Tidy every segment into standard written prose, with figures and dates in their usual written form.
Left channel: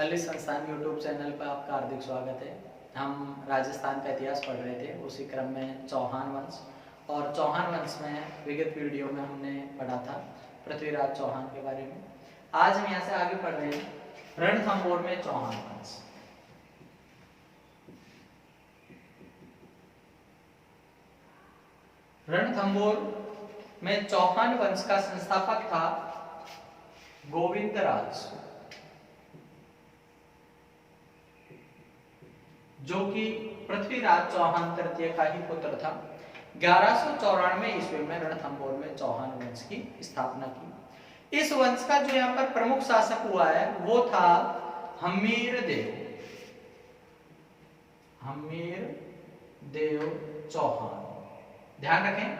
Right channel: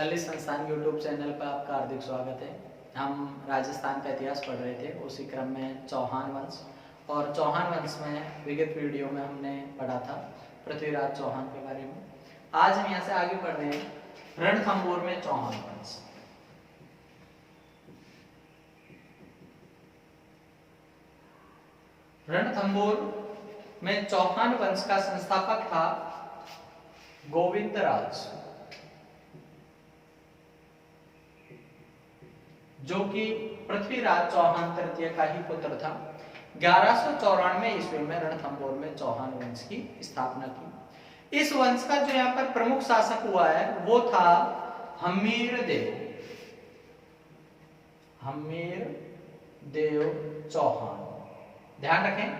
ललित संस्थान YouTube channel पर आपका हार्दिक स्वागत है। हम राजस्थान का इतिहास पढ़ रहे थे, उसी क्रम में चौहान वंश और चौहान वंश में विगत वीडियो में हमने पढ़ा था पृथ्वीराज चौहान के बारे में। आज हम यहाँ से आगे पढ़ रहे हैं रणथंभौर में चौहान वंश। रणथंभौर में चौहान वंश का संस्थापक था गोविंदराज, जो कि पृथ्वीराज चौहान तृतीय का ही पुत्र था। 1194 ईस्वी में रणथंभौर में चौहान वंश की स्थापना की। इस वंश का जो यहाँ पर प्रमुख शासक हुआ है वो था हम्मीर देव चौहान। ध्यान रखें,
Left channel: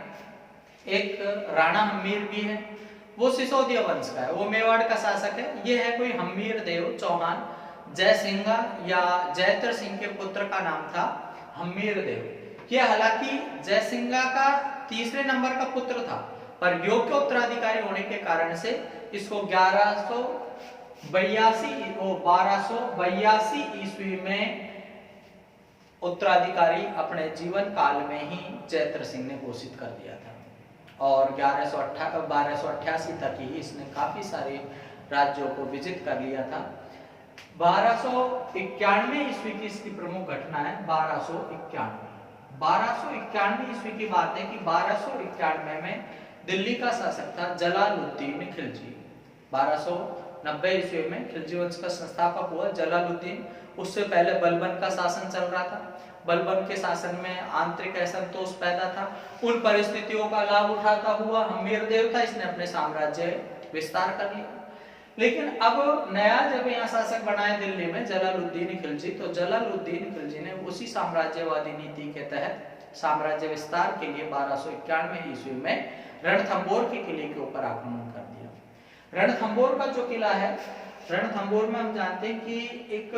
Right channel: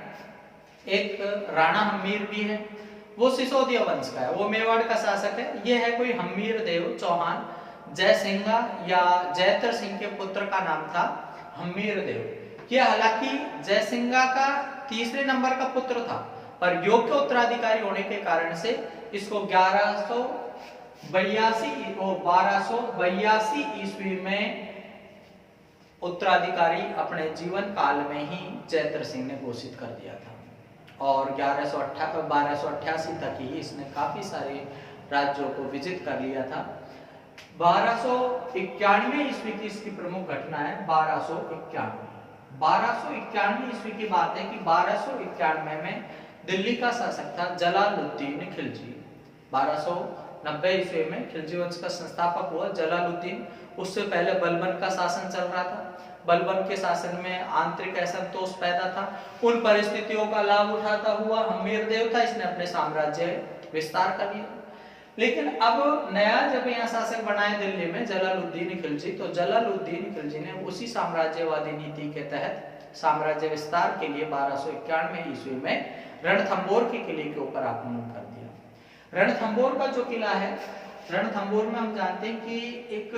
एक राणा हम्मीर भी है, वो सिसोदिया वंश का है, वो मेवाड़ का शासक है। ये है कोई हम्मीर देव चौहान। जयसिंघा या जयत्र सिंह के पुत्र का नाम था हम्मीर देव। यह हालांकि जयसिंघा का तीसरे नंबर का पुत्र था, पर योग्य उत्तराधिकारी होने के कारण से इसको 1282 ईस्वी में उत्तराधिकारी अपने जीवन काल में ही जयत्र सिंह ने घोषित कर दिया था। और 1288 तक ही इसने काफी सारे राज्यों को विजित कर लिया था। 1291 ईस्वी की इसकी प्रमुख घटना है। 1291 ईस्वी की बात है कि 1291 में दिल्ली का शासक था जलालुद्दीन खिलजी। 1290 ईस्वी में खिलजी वंश का संस्थापक हुआ जलालुद्दीन। उससे पहले बलबन का शासन चल रहा था। बलबन के शासन में आंतरिक असंतोष पैदा था। उन परिस्थितियों का लाभ उठाता हुआ हम्मीर देव था, इसने अपने साम्राज्य विस्तार कर लिया। लेकिन अब नया जब यहाँ शासक बनाए दिल्ली में जलालुद्दीन खिलजी, तो जलालुद्दीन खिलजी ने उसी साम्राज्यवादी नीति के तहत साम्राज्य विस्तार के लिए 1291 ईस्वी में रणथंभौर के किले के ऊपर आक्रमण कर दिया। रणथंभौर का जो किला है, रणथंभौर में हम जानते हैं कि एक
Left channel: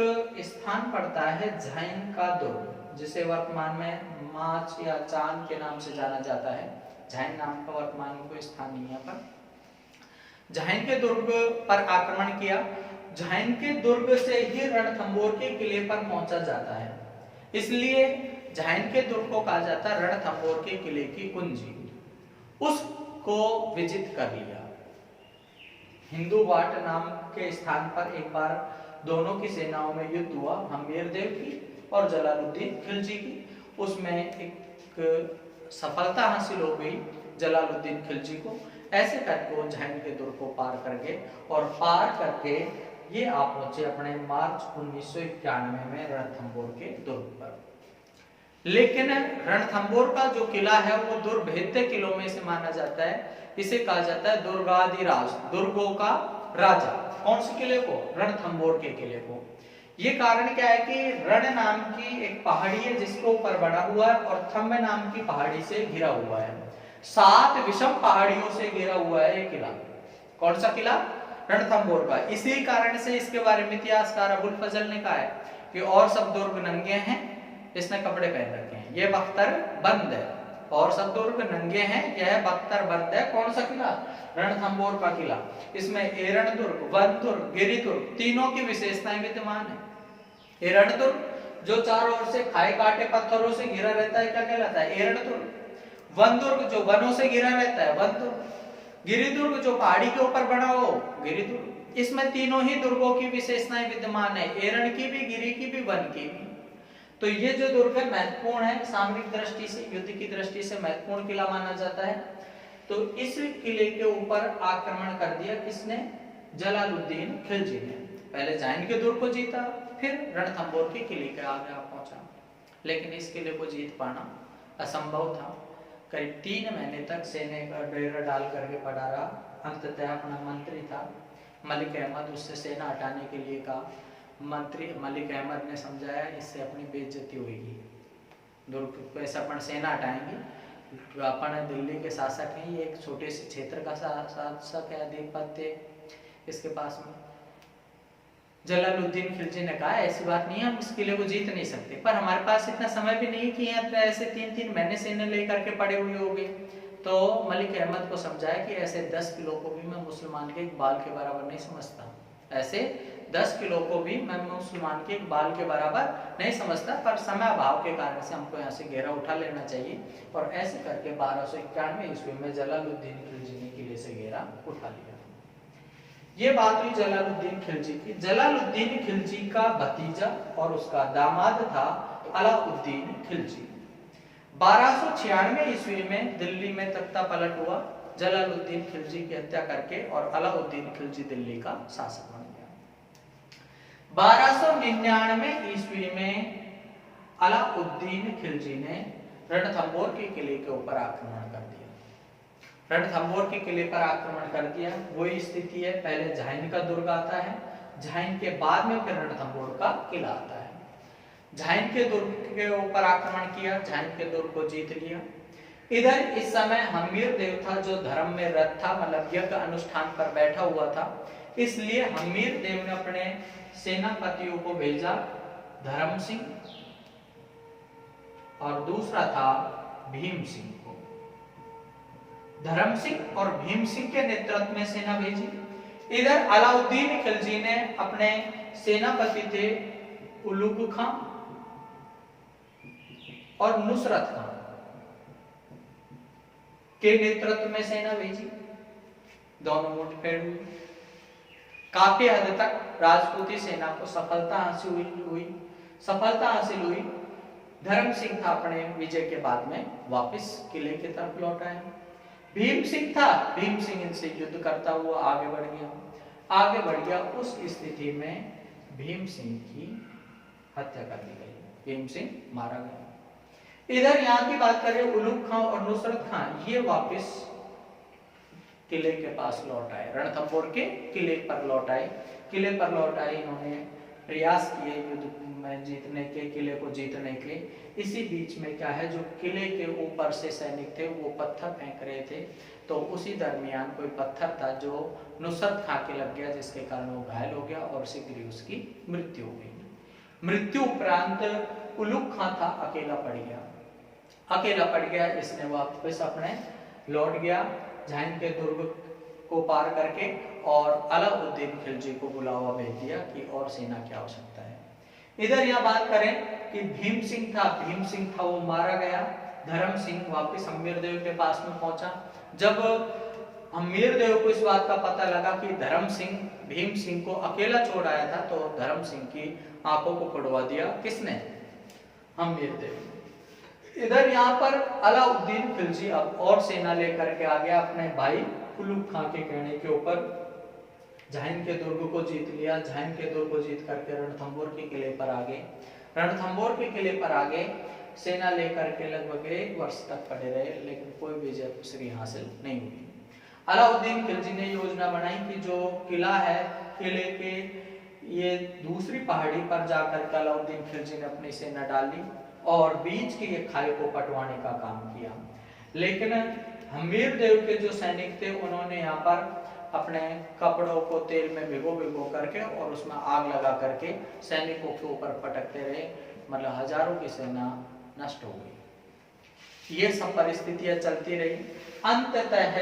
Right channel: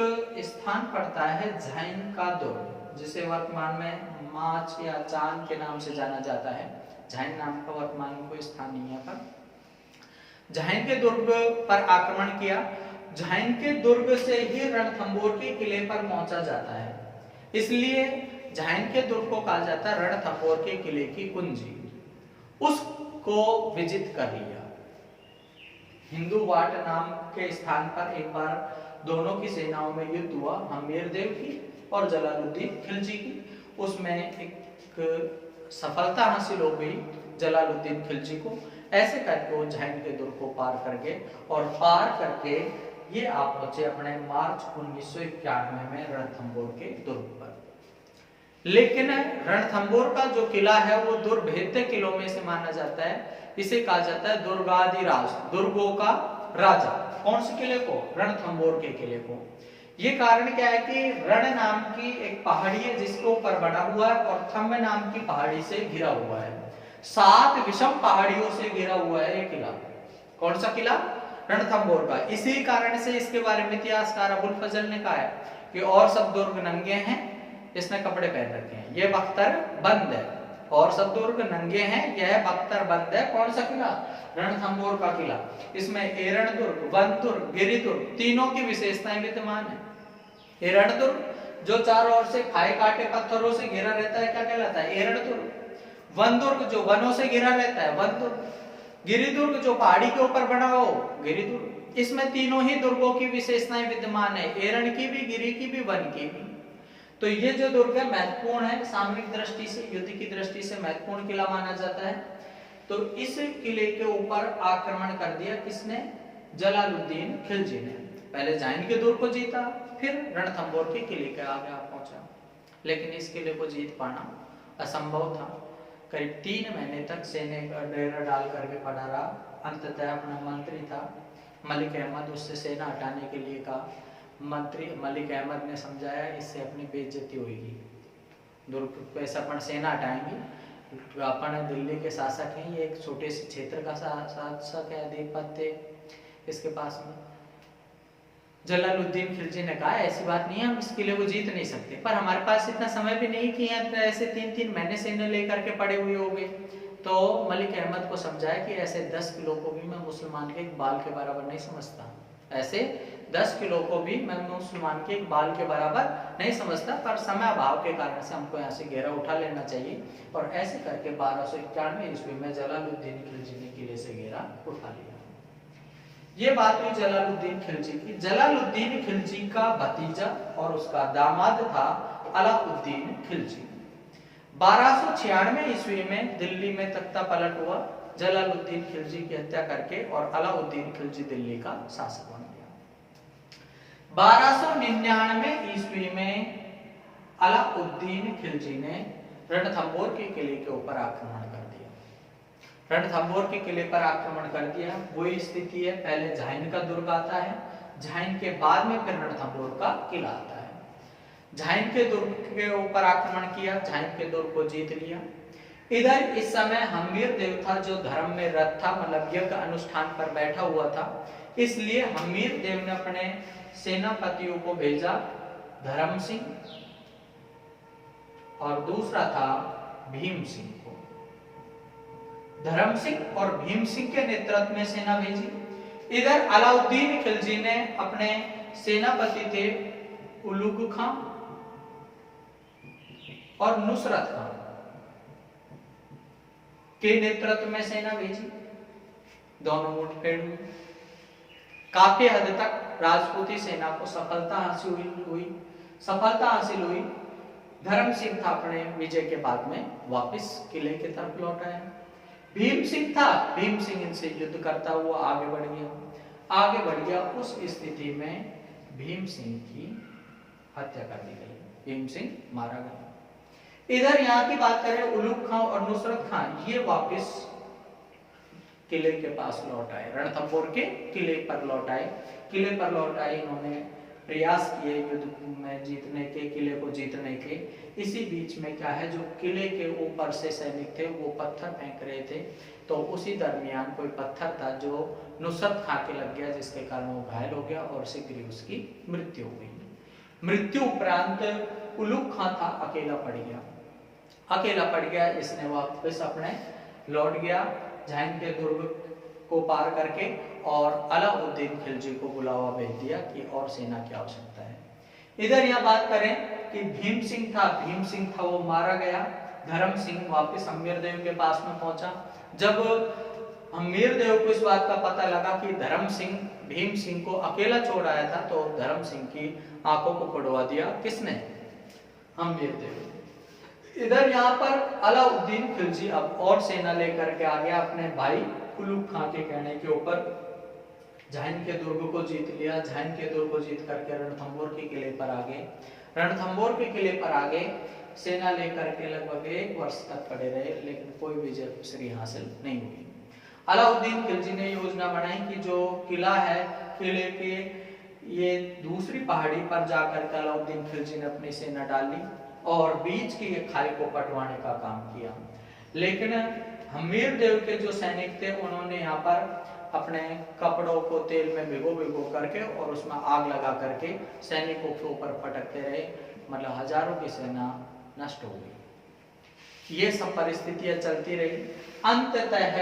स्थान पड़ता है झाइन का दुर्ग, जिसे वर्तमान में माच या चांद के नाम से जाना जाता है। झाइन नाम का वर्तमान में कोई स्थान नहीं है पर झाइन के दुर्ग पर आक्रमण किया। झाइन के दुर्ग से ही रणथंभौर के किले पर पहुंचा जाता है, इसलिए झाइन के दुर्ग को कहा जाता है रणथंभौर के किले की कुंजी। उसको विजित कर लिया। हिंदू वाट नाम के स्थान पर एक बार दोनों की सेनाओं में युद्ध हुआ, हम्मीर देव की और जलालुद्दीन खिलजी की। उसमें एक सफलता हासिल हो गई जलालुद्दीन खिलजी को। ऐसे करके वो झाइन के दुर्ग को पार कर गए और पार करके ये आप पहुंचे अपने मार्च 1991 में रणथंभौर के दुर्ग पर। लेकिन रणथंभौर का जो किला है वो दुर्भेद्य किलों में से माना जाता है। इसे कहा जाता है दुर्गाधिराज, दुर्गों का राजा। कौन से किले को? रणथंभौर के किले को। ये कारण क्या है कि रण नाम की एक पहाड़ी है जिसके ऊपर बना हुआ है और थंब नाम की पहाड़ी से घिरा हुआ है। 7 विषम पहाड़ियों से घिरा हुआ है ये किला। कौन सा किला? रणथंभौर का। इसी कारण से इसके बारे में इतिहासकार अबुल फजल ने कहा है कि और सब दुर्ग नंगे हैं, इसने कपड़े पहन रखे हैं, ये बख्तर बंद है। और सब दुर्ग नंगे हैं, यह बख्तर बंद है। कौन सा किला? रणथंभौर का किला। इसमें एरण दुर्ग, वन दुर्ग, गिरि दुर्ग तीनों की विशेषताएं विद्यमान है। एरण दुर्ग जो चारों ओर से खाए काटे पत्थरों से घिरा रहता है, क्या कहलाता है? एरण दुर्ग। वन दुर्ग जो वनों से घिरा रहता है, वन दुर्ग। गिरि दुर्ग जो पहाड़ी के ऊपर बना हो, गिरि दुर्ग। इसमें तीनों ही दुर्गों की विशेषताएं विद्यमान है, एरण की भी, गिरि की भी, वन की भी। तो ये जो दुर्ग है महत्वपूर्ण है, सामरिक दृष्टि से, युद्ध की दृष्टि से महत्वपूर्ण किला माना जाता है। तो इस किले के ऊपर आक्रमण कर दिया किसने? जलालुद्दीन खिलजी ने। पहले झाइन के दुर्ग को जीता, फिर रणथंभौर के किले के आगे पहुंचा। लेकिन इस किले को जीत पाना असंभव था। करीब 3 महीने तक सेना का डेरा डाल करके पड़ा रहा। अंततः अपना मंत्री था मलिक अहमद, उससे सेना हटाने के लिए कहा। मंत्री मलिक अहमद ने समझाया इससे अपनी बेइज्जती होगी, दुर्ग को ऐसा अपन सेना हटाएंगे, अपन दिल्ली के शासक हैं, ये एक छोटे से क्षेत्र का शासक है, अधिपत्य इसके पास में। जलालुद्दीन खिलजी ने कहा ऐसी बात नहीं है, हम इस किले को जीत नहीं सकते, पर हमारे पास इतना समय भी नहीं कि यहाँ ऐसे 3-3 महीने सेना लेकर के पड़े हुए होंगे। तो मलिक अहमद को समझाया कि ऐसे 10 किलो को भी मैं मुसलमान के एक बाल के बराबर नहीं समझता, ऐसे 10 किलो को भी मैं मुसलमान के एक बाल के बराबर नहीं समझता, पर समय अभाव के कारण से हमको यहाँ से घेरा उठा लेना चाहिए। और ऐसे करके 1291 ईस्वी में जलालुद्दीन खिलजी ने किले से घेरा उठा लिया। ये बात हुई जलालुद्दीन खिलजी की। जलालुद्दीन खिलजी का भतीजा और उसका दामाद था अलाउद्दीन खिलजी। 1296 ईस्वी में दिल्ली में तख्ता पलट हुआ। जलालुद्दीन खिलजी की हत्या करके और अलाउद्दीन खिलजी दिल्ली का शासक बन गया। 1299 ईस्वी में अलाउद्दीन खिलजी ने रणथंबोर के किले के ऊपर आक्रमण कर दिया। रणथंबोर के किले पर आक्रमण कर दिया। वही स्थिति है, पहले झाइन का दुर्ग आता है, झाइन के बाद में फिर रणथंबोर का किला आता है। झाइन के दुर्ग के ऊपर आक्रमण किया, झाइन के दुर्ग को जीत लिया। इधर इस समय हम्मीर देव था जो धर्म में रत था, मतलब यज्ञ अनुष्ठान पर बैठा हुआ था। इसलिए हम्मीर देव ने अपने सेनापतियों को भेजा, धर्म सिंह और दूसरा था भीम सिंह को। धर्म सिंह और भीम सिंह के नेतृत्व में सेना भेजी। इधर अलाउद्दीन खिलजी ने अपने सेनापति थे उलुग खां और नुसरत खां के नेतृत्व में सेना भेजी। दोनों मुठभेड़ हुई। काफी हद तक राजपूती सेना को सफलता हासिल हुई। धर्म सिंह था अपने विजय के बाद में वापस किले की तरफ लौट आए। भीम सिंह था, भीम सिंह इनसे युद्ध करता हुआ आगे बढ़ गया। उस स्थिति में भीम सिंह की हत्या कर दी गई, भीम सिंह मारा गया। इधर यहाँ की बात करें, उलुग खां और नुसरत खां ये वापस किले के पास लौट आए, रणथंबोर के किले पर लौट आए। इन्होंने प्रयास किए युद्ध में जीतने के, किले को जीतने के। इसी बीच में क्या है, जो किले के ऊपर से सैनिक थे वो पत्थर फेंक रहे थे, तो उसी दरमियान कोई पत्थर था जो नुसरत खां के लग गया, जिसके कारण वो घायल हो गया और शीघ्र ही उसकी मृत्यु हो गई। मृत्यु उपरांत उलुग खां था, अकेला पड़ गया। इसने वापस अपने लौट गया झाइन के दुर्ग को पार करके और अलाउद्दीन खिलजी को बुलावा भेज दिया कि और सेना की आवश्यकता है। इधर यह बात करें कि भीम सिंह था वो मारा गया। धर्म सिंह वापस हम्मीर देव के पास में पहुंचा। जब हम्मीर देव को इस बात का पता लगा कि धर्म सिंह भीम सिंह को अकेला छोड़ आया था, तो धर्म सिंह की आंखों को फोड़वा दिया। किसने? हम्मीर देव। इधर यहाँ पर अलाउद्दीन खिलजी अब और सेना लेकर के आ गया। अपने भाई उलुग खां के कहने के ऊपर झाइन के दुर्ग को जीत लिया। झाइन के दुर्ग को जीत करके रणथंबोर के किले पर आ गए। सेना लेकर के लगभग 1 वर्ष तक खड़े रहे, लेकिन कोई विजय श्री हासिल नहीं हुई। अलाउद्दीन खिलजी ने योजना बनाई कि जो किला है, किले के ये दूसरी पहाड़ी पर जाकर के अलाउद्दीन खिलजी ने अपनी सेना डाली और बीच की ये खाई को पटवाने का काम किया। लेकिन हम्मीर देव के जो सैनिक थे उन्होंने यहाँ पर अपने कपड़ों को तेल में भिगो करके और उसमें आग लगा करके सैनिकों के ऊपर पटकते रहे, मतलब हजारों की सेना नष्ट हो गई। ये सब परिस्थितियां चलती रही। अंततः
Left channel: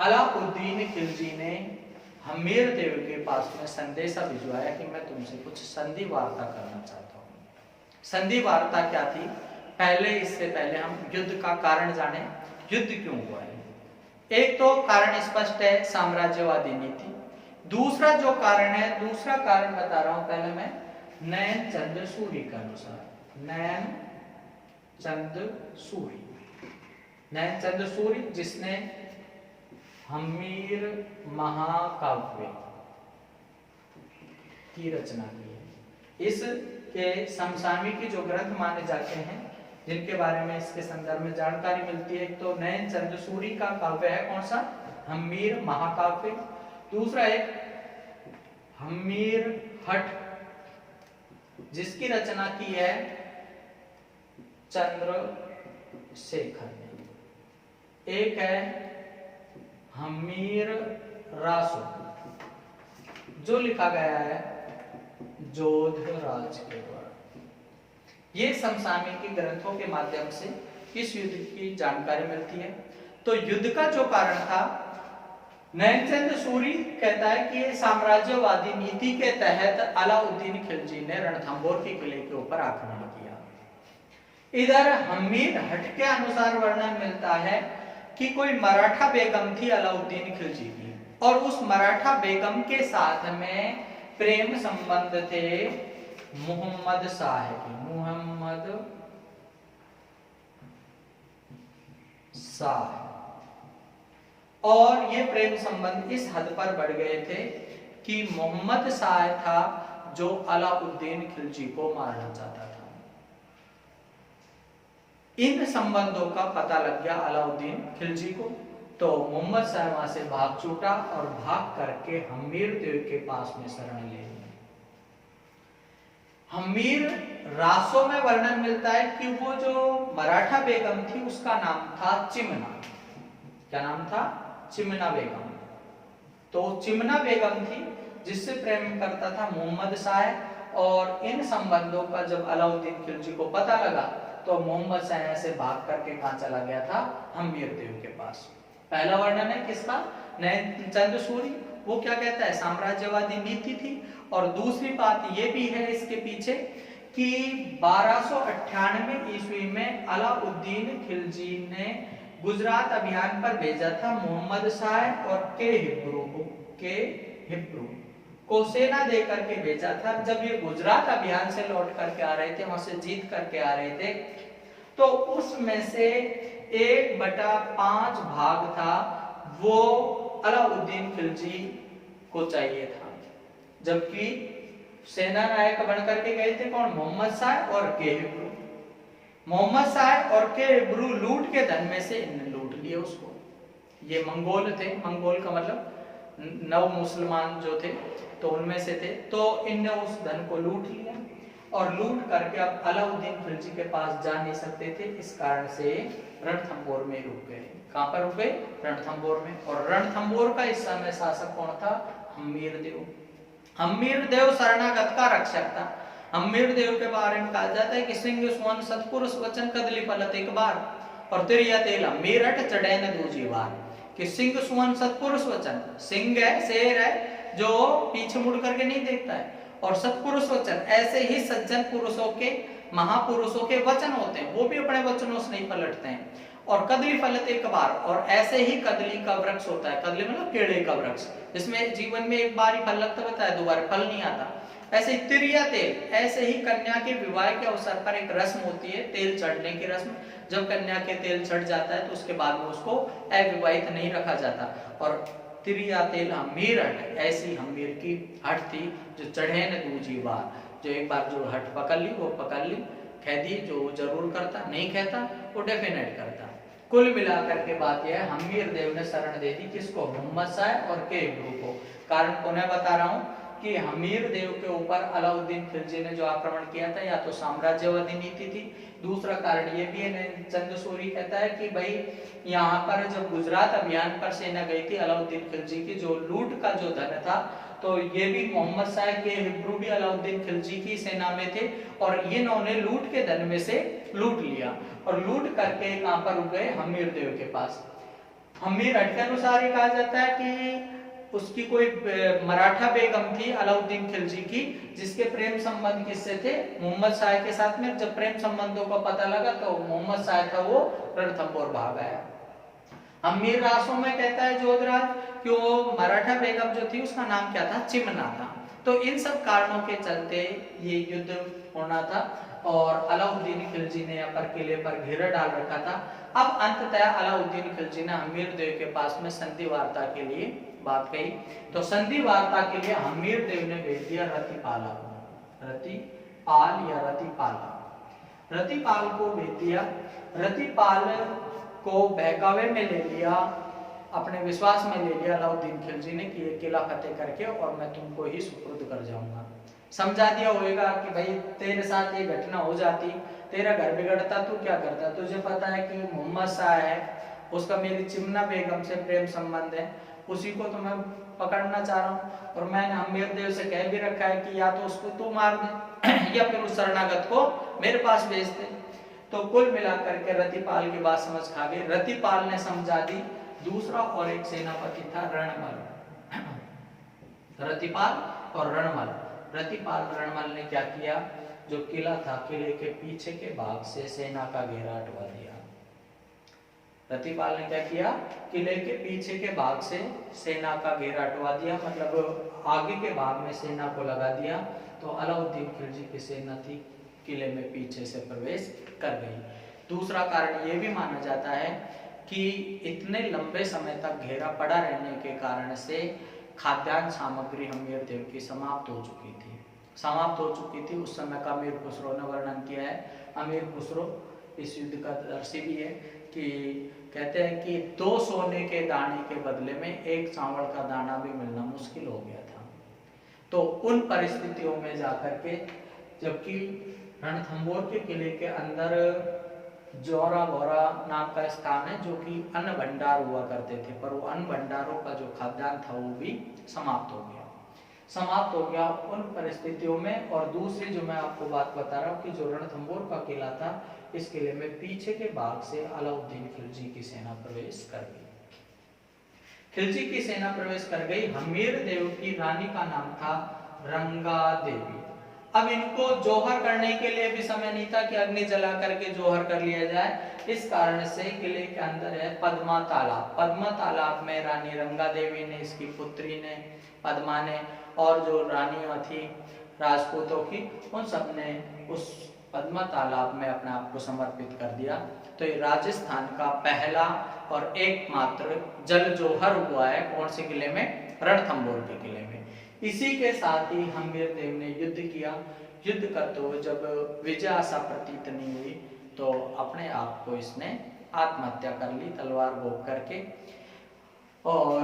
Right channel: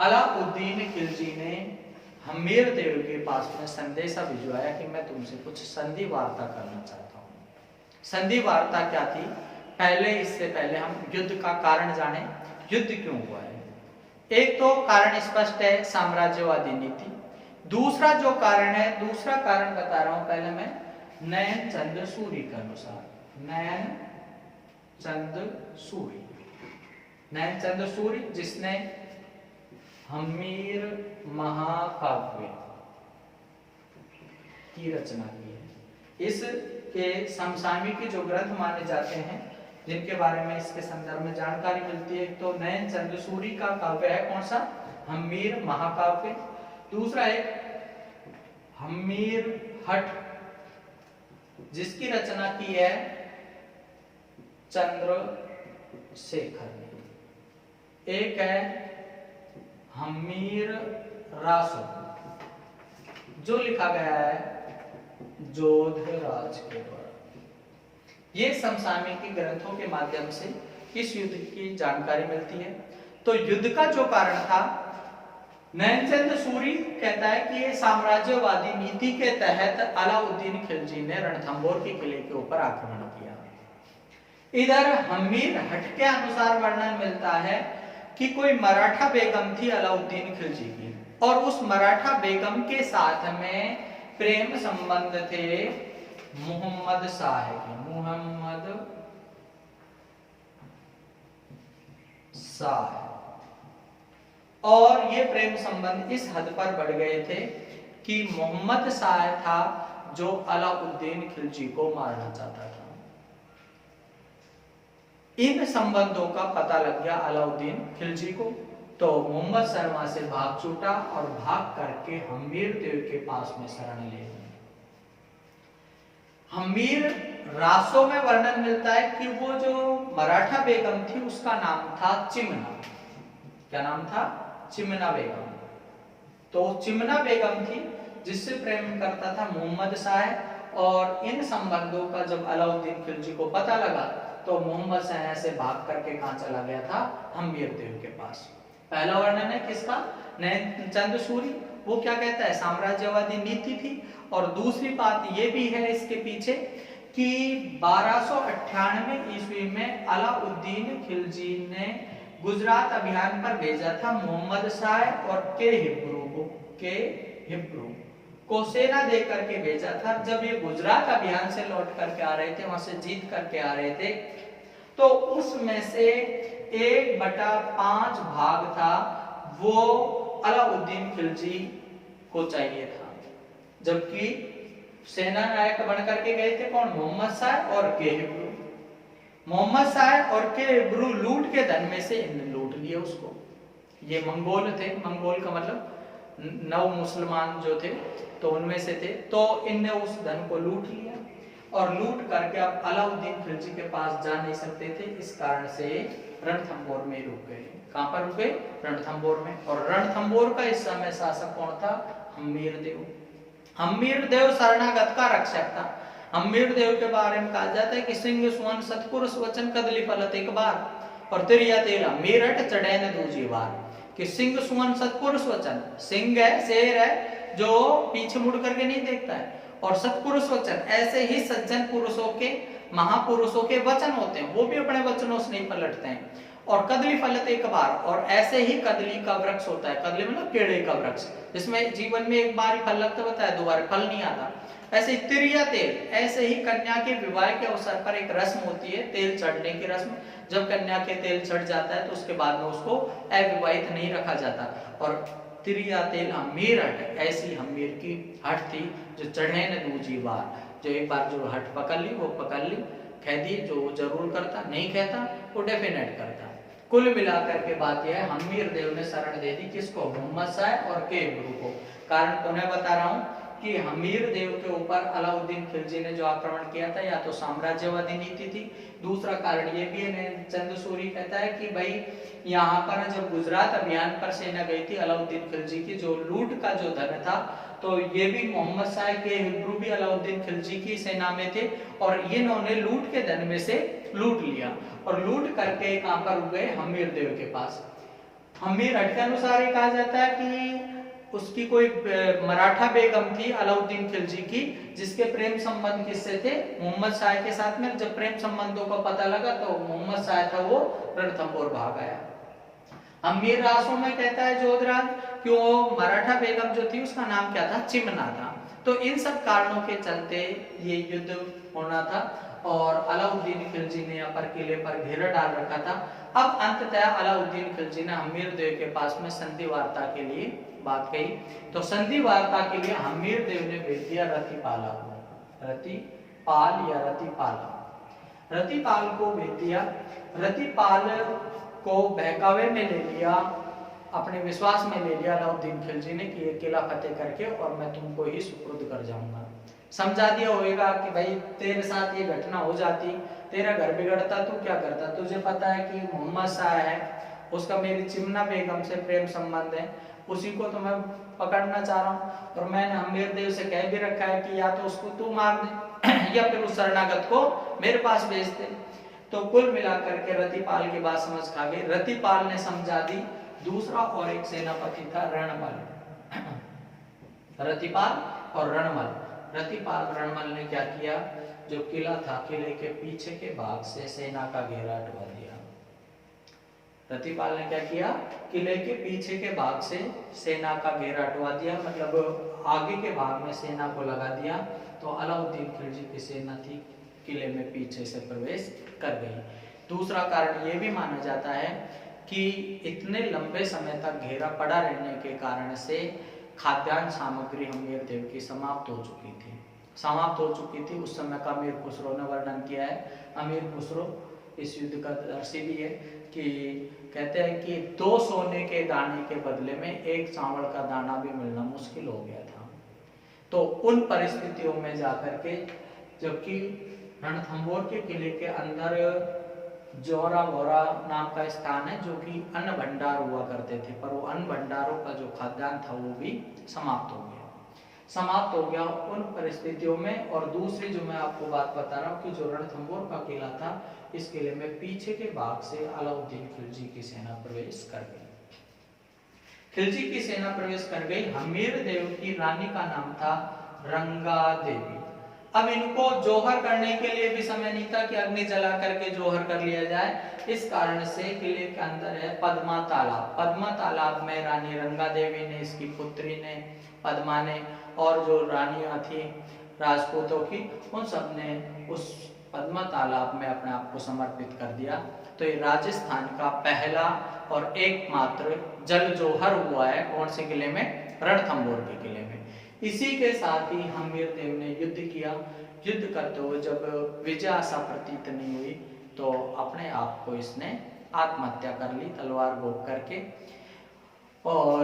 अलाउद्दीन खिलजी ने हम्मीर देव के पास में संदेशा भिजवाया कि मैं तुमसे कुछ संधि वार्ता करना चाहता हूँ। संधि वार्ता क्या थी? इससे पहले हम युद्ध का कारण जाने, युद्ध क्यों हुआ है। एक तो कारण स्पष्ट है, साम्राज्यवादी नीति। दूसरा जो कारण है, दूसरा कारण बता रहा हूं पहले मैं, नैन चंद सूरी के अनुसार। नैन चंद सूरी जिसने हम्मीर महाकाव्य की रचना की है। इसके समसामयिक जो ग्रंथ माने जाते हैं, जिनके बारे में इसके संदर्भ में जानकारी मिलती है, तो नैन चंद सूरी का काव्य है कौन सा? हम्मीर महाकाव्य। दूसरा एक हम्मीर हठ जिसकी रचना की है चंद्रशेखर ने। एक है हम्मीर रासो जो लिखा गया है जोधराज के द्वारा। ये समसामयिक ग्रंथों के माध्यम से इस युद्ध की जानकारी मिलती है। तो युद्ध का जो कारण था नैनचंद सूरी कहता है कि ये साम्राज्यवादी नीति के तहत अलाउद्दीन खिलजी ने रणथंभौर के किले के ऊपर आक्रमण किया। इधर हमीर हट के अनुसार वर्णन मिलता है कि कोई मराठा बेगम थी अलाउद्दीन खिलजी की, और उस मराठा बेगम के साथ में प्रेम संबंध थे मोहम्मद शाह के। मोहम्मद शाह, और ये प्रेम संबंध इस हद पर बढ़ गए थे कि मोहम्मद शाह था जो अलाउद्दीन खिलजी को मारना चाहता था। इन संबंधों का पता लग गया अलाउद्दीन खिलजी को, तो मोहम्मद शाह वहां से भाग छूटा और भाग करके हमीर देव के पास में शरण ले। हमीर रासों में वर्णन मिलता है कि वो जो मराठा बेगम थी उसका नाम था चिमना। क्या नाम था? चिमना बेगम। तो चिमना बेगम थी जिससे प्रेम करता था मोहम्मद शाह, और इन संबंधों का जब अलाउद्दीन खिलजी को पता लगा तो मोहम्मद शाह से भाग करके कहां चला गया था? हमीर देव के पास। पहला वर्णन है किसका? नैनचंद सूरी। वो क्या कहता है? साम्राज्यवादी नीति थी। और दूसरी बात ये भी है इसके पीछे कि 1298 ईस्वी में अलाउद्दीन खिलजी ने गुजरात अभियान पर भेजा था मोहम्मद शाह और के हिब्रू को सेना दे करके भेजा था। जब ये गुजरात अभियान से लौट करके आ रहे थे, वहां से जीत करके आ रहे थे, तो उसमें से 1/5 भाग था वो अलाउद्दीन खिलजी को चाहिए था, जबकि सेना नायक बन करके गए थे कौन? मोहम्मद शाह और के हिब्रू। मोहम्मद शाह और के हिब्रू लूट के धन में से इन्हें लूट लिए उसको। ये मंगोल थे, मंगोल का मतलब नव मुसलमान जो थे, तो उनमें से थे। तो इनने उस धन को लूट लिया, और लूट करके अब अलाउद्दीन खिलजी के पास जा नहीं सकते थे, इस कारण से रणथंभौर में रुक गए। कहां पर रुक गए? रणथंभौर में। और रणथंभौर का इस समय शासक कौन था? हमीर देव। हमीर देव शरणागत का रक्षक था। हमीर देव के बारे में कहा जाता है कि सिंह सुवन सतपुरुष वचन कदली फलत एक बार, और तिरिया तेल मेरठ चढ़े न दूजी बार। कि सिंह सुवन सतपुरुष वचन, सिंह है, शेर है जो पीछे मुड़ करके नहीं देखता है, और सतपुरुष वचन ऐसे ही सज्जन पुरुषों के, महापुरुषों के वचन होते हैं, वो भी अपने वचनों से नहीं पलटते हैं। और कदली फलत एक बार, और ऐसे ही कदली का वृक्ष होता है। कदली मतलब केड़े का वृक्ष, जिसमें जीवन में एक बार ही फल लगता बताया, दोबारा फल नहीं आता। ऐसे ही तिरिया तेल, ऐसे ही कन्या के विवाह के अवसर पर एक रस्म होती है तेल चढ़ने की रस्म। जब कन्या के तेल चढ़ जाता है तो उसके बाद में उसको अविवाहित नहीं रखा जाता। और तिरिया तेल हमीर हट, ऐसी हमीर की हट थी जो चढ़े न दूजी बार। जो एक बार जो हट पकड़ ली वो पकड़ ली, कह दी जो जरूर करता, नहीं कहता वो डेफिनेट करता। कुल मिलाकर के बात यह है, हमीर देव ने शरण दे दी किसको? मोहम्मद शाह और के हिब्रू को। कारण उन्हें बता रहा हूं कि हमीर देव के ऊपर अलाउद्दीन खिलजी ने जो आक्रमण किया था, या तो साम्राज्यवादी नीति थी, दूसरा कारण ये भी है, चंद सूरी कहता है कि भाई यहाँ पर जब गुजरात अभियान पर सेना गई थी अलाउद्दीन खिलजी की, जो लूट का जो धन था, तो ये भी मोहम्मद शाह के हिब्रू भी अलाउद्दीन खिलजी की सेना में थे, और ये इन्होंने लूट के धन में से लूट लिया, और लूट करके कहां पर रुक गए? हमीर देव के पास। हमीर हट के अनुसार ये कहा जाता है कि उसकी कोई मराठा बेगम थी अलाउद्दीन खिलजी की, जिसके प्रेम संबंध किससे थे? मोहम्मद शाह के साथ में। जब प्रेम संबंधों का पता लगा तो मोहम्मद शाह था वो रणथंभौर भाग आया। हमीर रासों में कहता है जोधराज कि वो मराठा बेगम जो थी उसका नाम क्या था? चिमना था। तो इन सब कारणों के चलते ये युद्ध होना था, और अलाउद्दीन खिलजी ने यहाँ पर किले पर घेरा डाल रखा था। अब अंततः अलाउद्दीन खिलजी ने हमीर देव के पास में संधि वार्ता के लिए बात कही। तो संधि वार्ता के लिए हमीर देव ने भेज दिया रतिपाला, रतिपाल या रतिपाला, रतिपाल को भेज दिया। रतिपाल को बहकावे में ले लिया, अपने विश्वास में ले लिया अलाउद्दीन खिलजी ने कि ये किला फतेह करके और मैं तुमको ही सुपुर्द कर जाऊंगा। समझा दिया होगा कि भाई तेरे साथ ये घटना हो जाती, तेरा घर बिगड़ता, तू क्या करता? तुझे पता है कि मोहम्मद शाह है, उसका मेरी चिमना बेगम से प्रेम संबंध है, उसी को तो मैं पकड़ना चाह रहा हूँ, और मैंने हमीर देव से कह भी रखा है कि या तो उसको तू मार दे या फिर उस शरणागत को मेरे पास भेज दे। तो कुल मिलाकर के रतिपाल की बात समझ खा गई। रतिपाल ने समझा दी दूसरा और एक सेनापति था रणमल, रतिपाल और रणमल। रतिपाल रणमल ने क्या किया, जो किला था किले के पीछे के भाग से सेना का घेरा हटवा दिया। रतिपाल ने क्या किया, किले के पीछे के भाग से सेना का घेरा हटवा दिया, मतलब आगे के भाग में सेना को लगा दिया। तो अलाउद्दीन खिलजी की सेना थी किले में पीछे से प्रवेश कर गई। दूसरा कारण ये भी माना जाता है कि इतने लंबे समय तक घेरा पड़ा रहने के कारण से खाद्यान्न सामग्री हम्मीर देव की समाप्त हो चुकी थी। उस समय का अमीर खुसरो ने वर्णन किया है। अमीर खुसरो इस युद्ध का दर्शी भी है कि कहते हैं कि 2 सोने के दाने के बदले में 1 चावल का दाना भी मिलना मुश्किल हो गया था। तो उन परिस्थितियों में जाकर के, जबकि रणथंभौर के किले के अंदर जोरा बोरा नाम का स्थान है जो कि अन्न भंडार हुआ करते थे, पर वो अन्न भंडारों का जो खाद्यान्न था वो भी समाप्त हो गया उन परिस्थितियों में। और दूसरी जो मैं आपको बात बता रहा हूँ कि जो रणथंभौर का किला था, इस किले में पीछे के भाग से अलाउद्दीन खिलजी की सेना प्रवेश कर गई। हमीर देव की रानी का नाम था रंगा देवी। अब इनको जोहर करने के लिए भी समय नहीं था कि अग्नि जला करके जोहर कर लिया जाए। इस कारण से किले के अंदर है पद्मा तालाब में रानी रंगा देवी ने, इसकी पुत्री ने, पद्मा ने, और जो रानियां थी राजपूतों की, उन सब ने उस पद्मा तालाब में अपने आप को समर्पित कर दिया। तो ये राजस्थान का पहला और एकमात्र जल जोहर हुआ है। कौन से किले में? रणथंभौर के किले में। इसी के साथ ही हम्मीर देव ने युद्ध किया। युद्ध करते हुए जब विजय आशा प्रतीत नहीं हुई तो अपने आप को इसने आत्महत्या कर ली, तलवार घोंप करके, और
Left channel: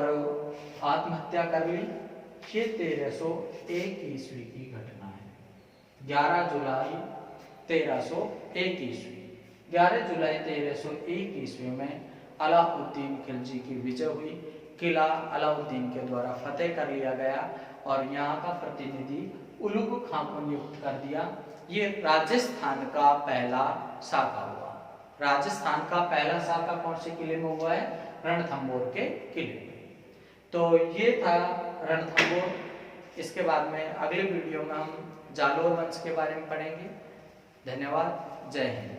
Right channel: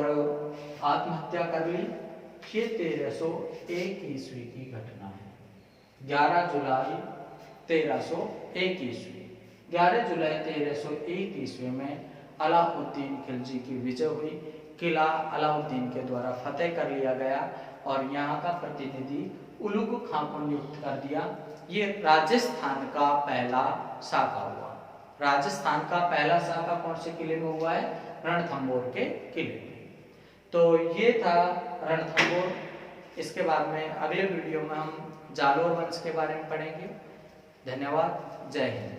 आत्महत्या कर ली। ये 1301 ईस्वी की घटना है। 11 जुलाई 1301 ईस्वी। 11 जुलाई 1301 ईस्वी में अलाउद्दीन खिलजी की विजय हुई। किला अलाउद्दीन के द्वारा फतेह कर लिया गया और यहाँ का प्रतिनिधि उलुग खां को नियुक्त कर दिया। ये राजस्थान का पहला साका हुआ। राजस्थान का पहला साका कौन से किले में हुआ है? रणथंभौर के किले में। तो ये था रणथंभौर। इसके बाद में अगले वीडियो में हम जालोर वंश के बारे में पढ़ेंगे। धन्यवाद। जय हिंद।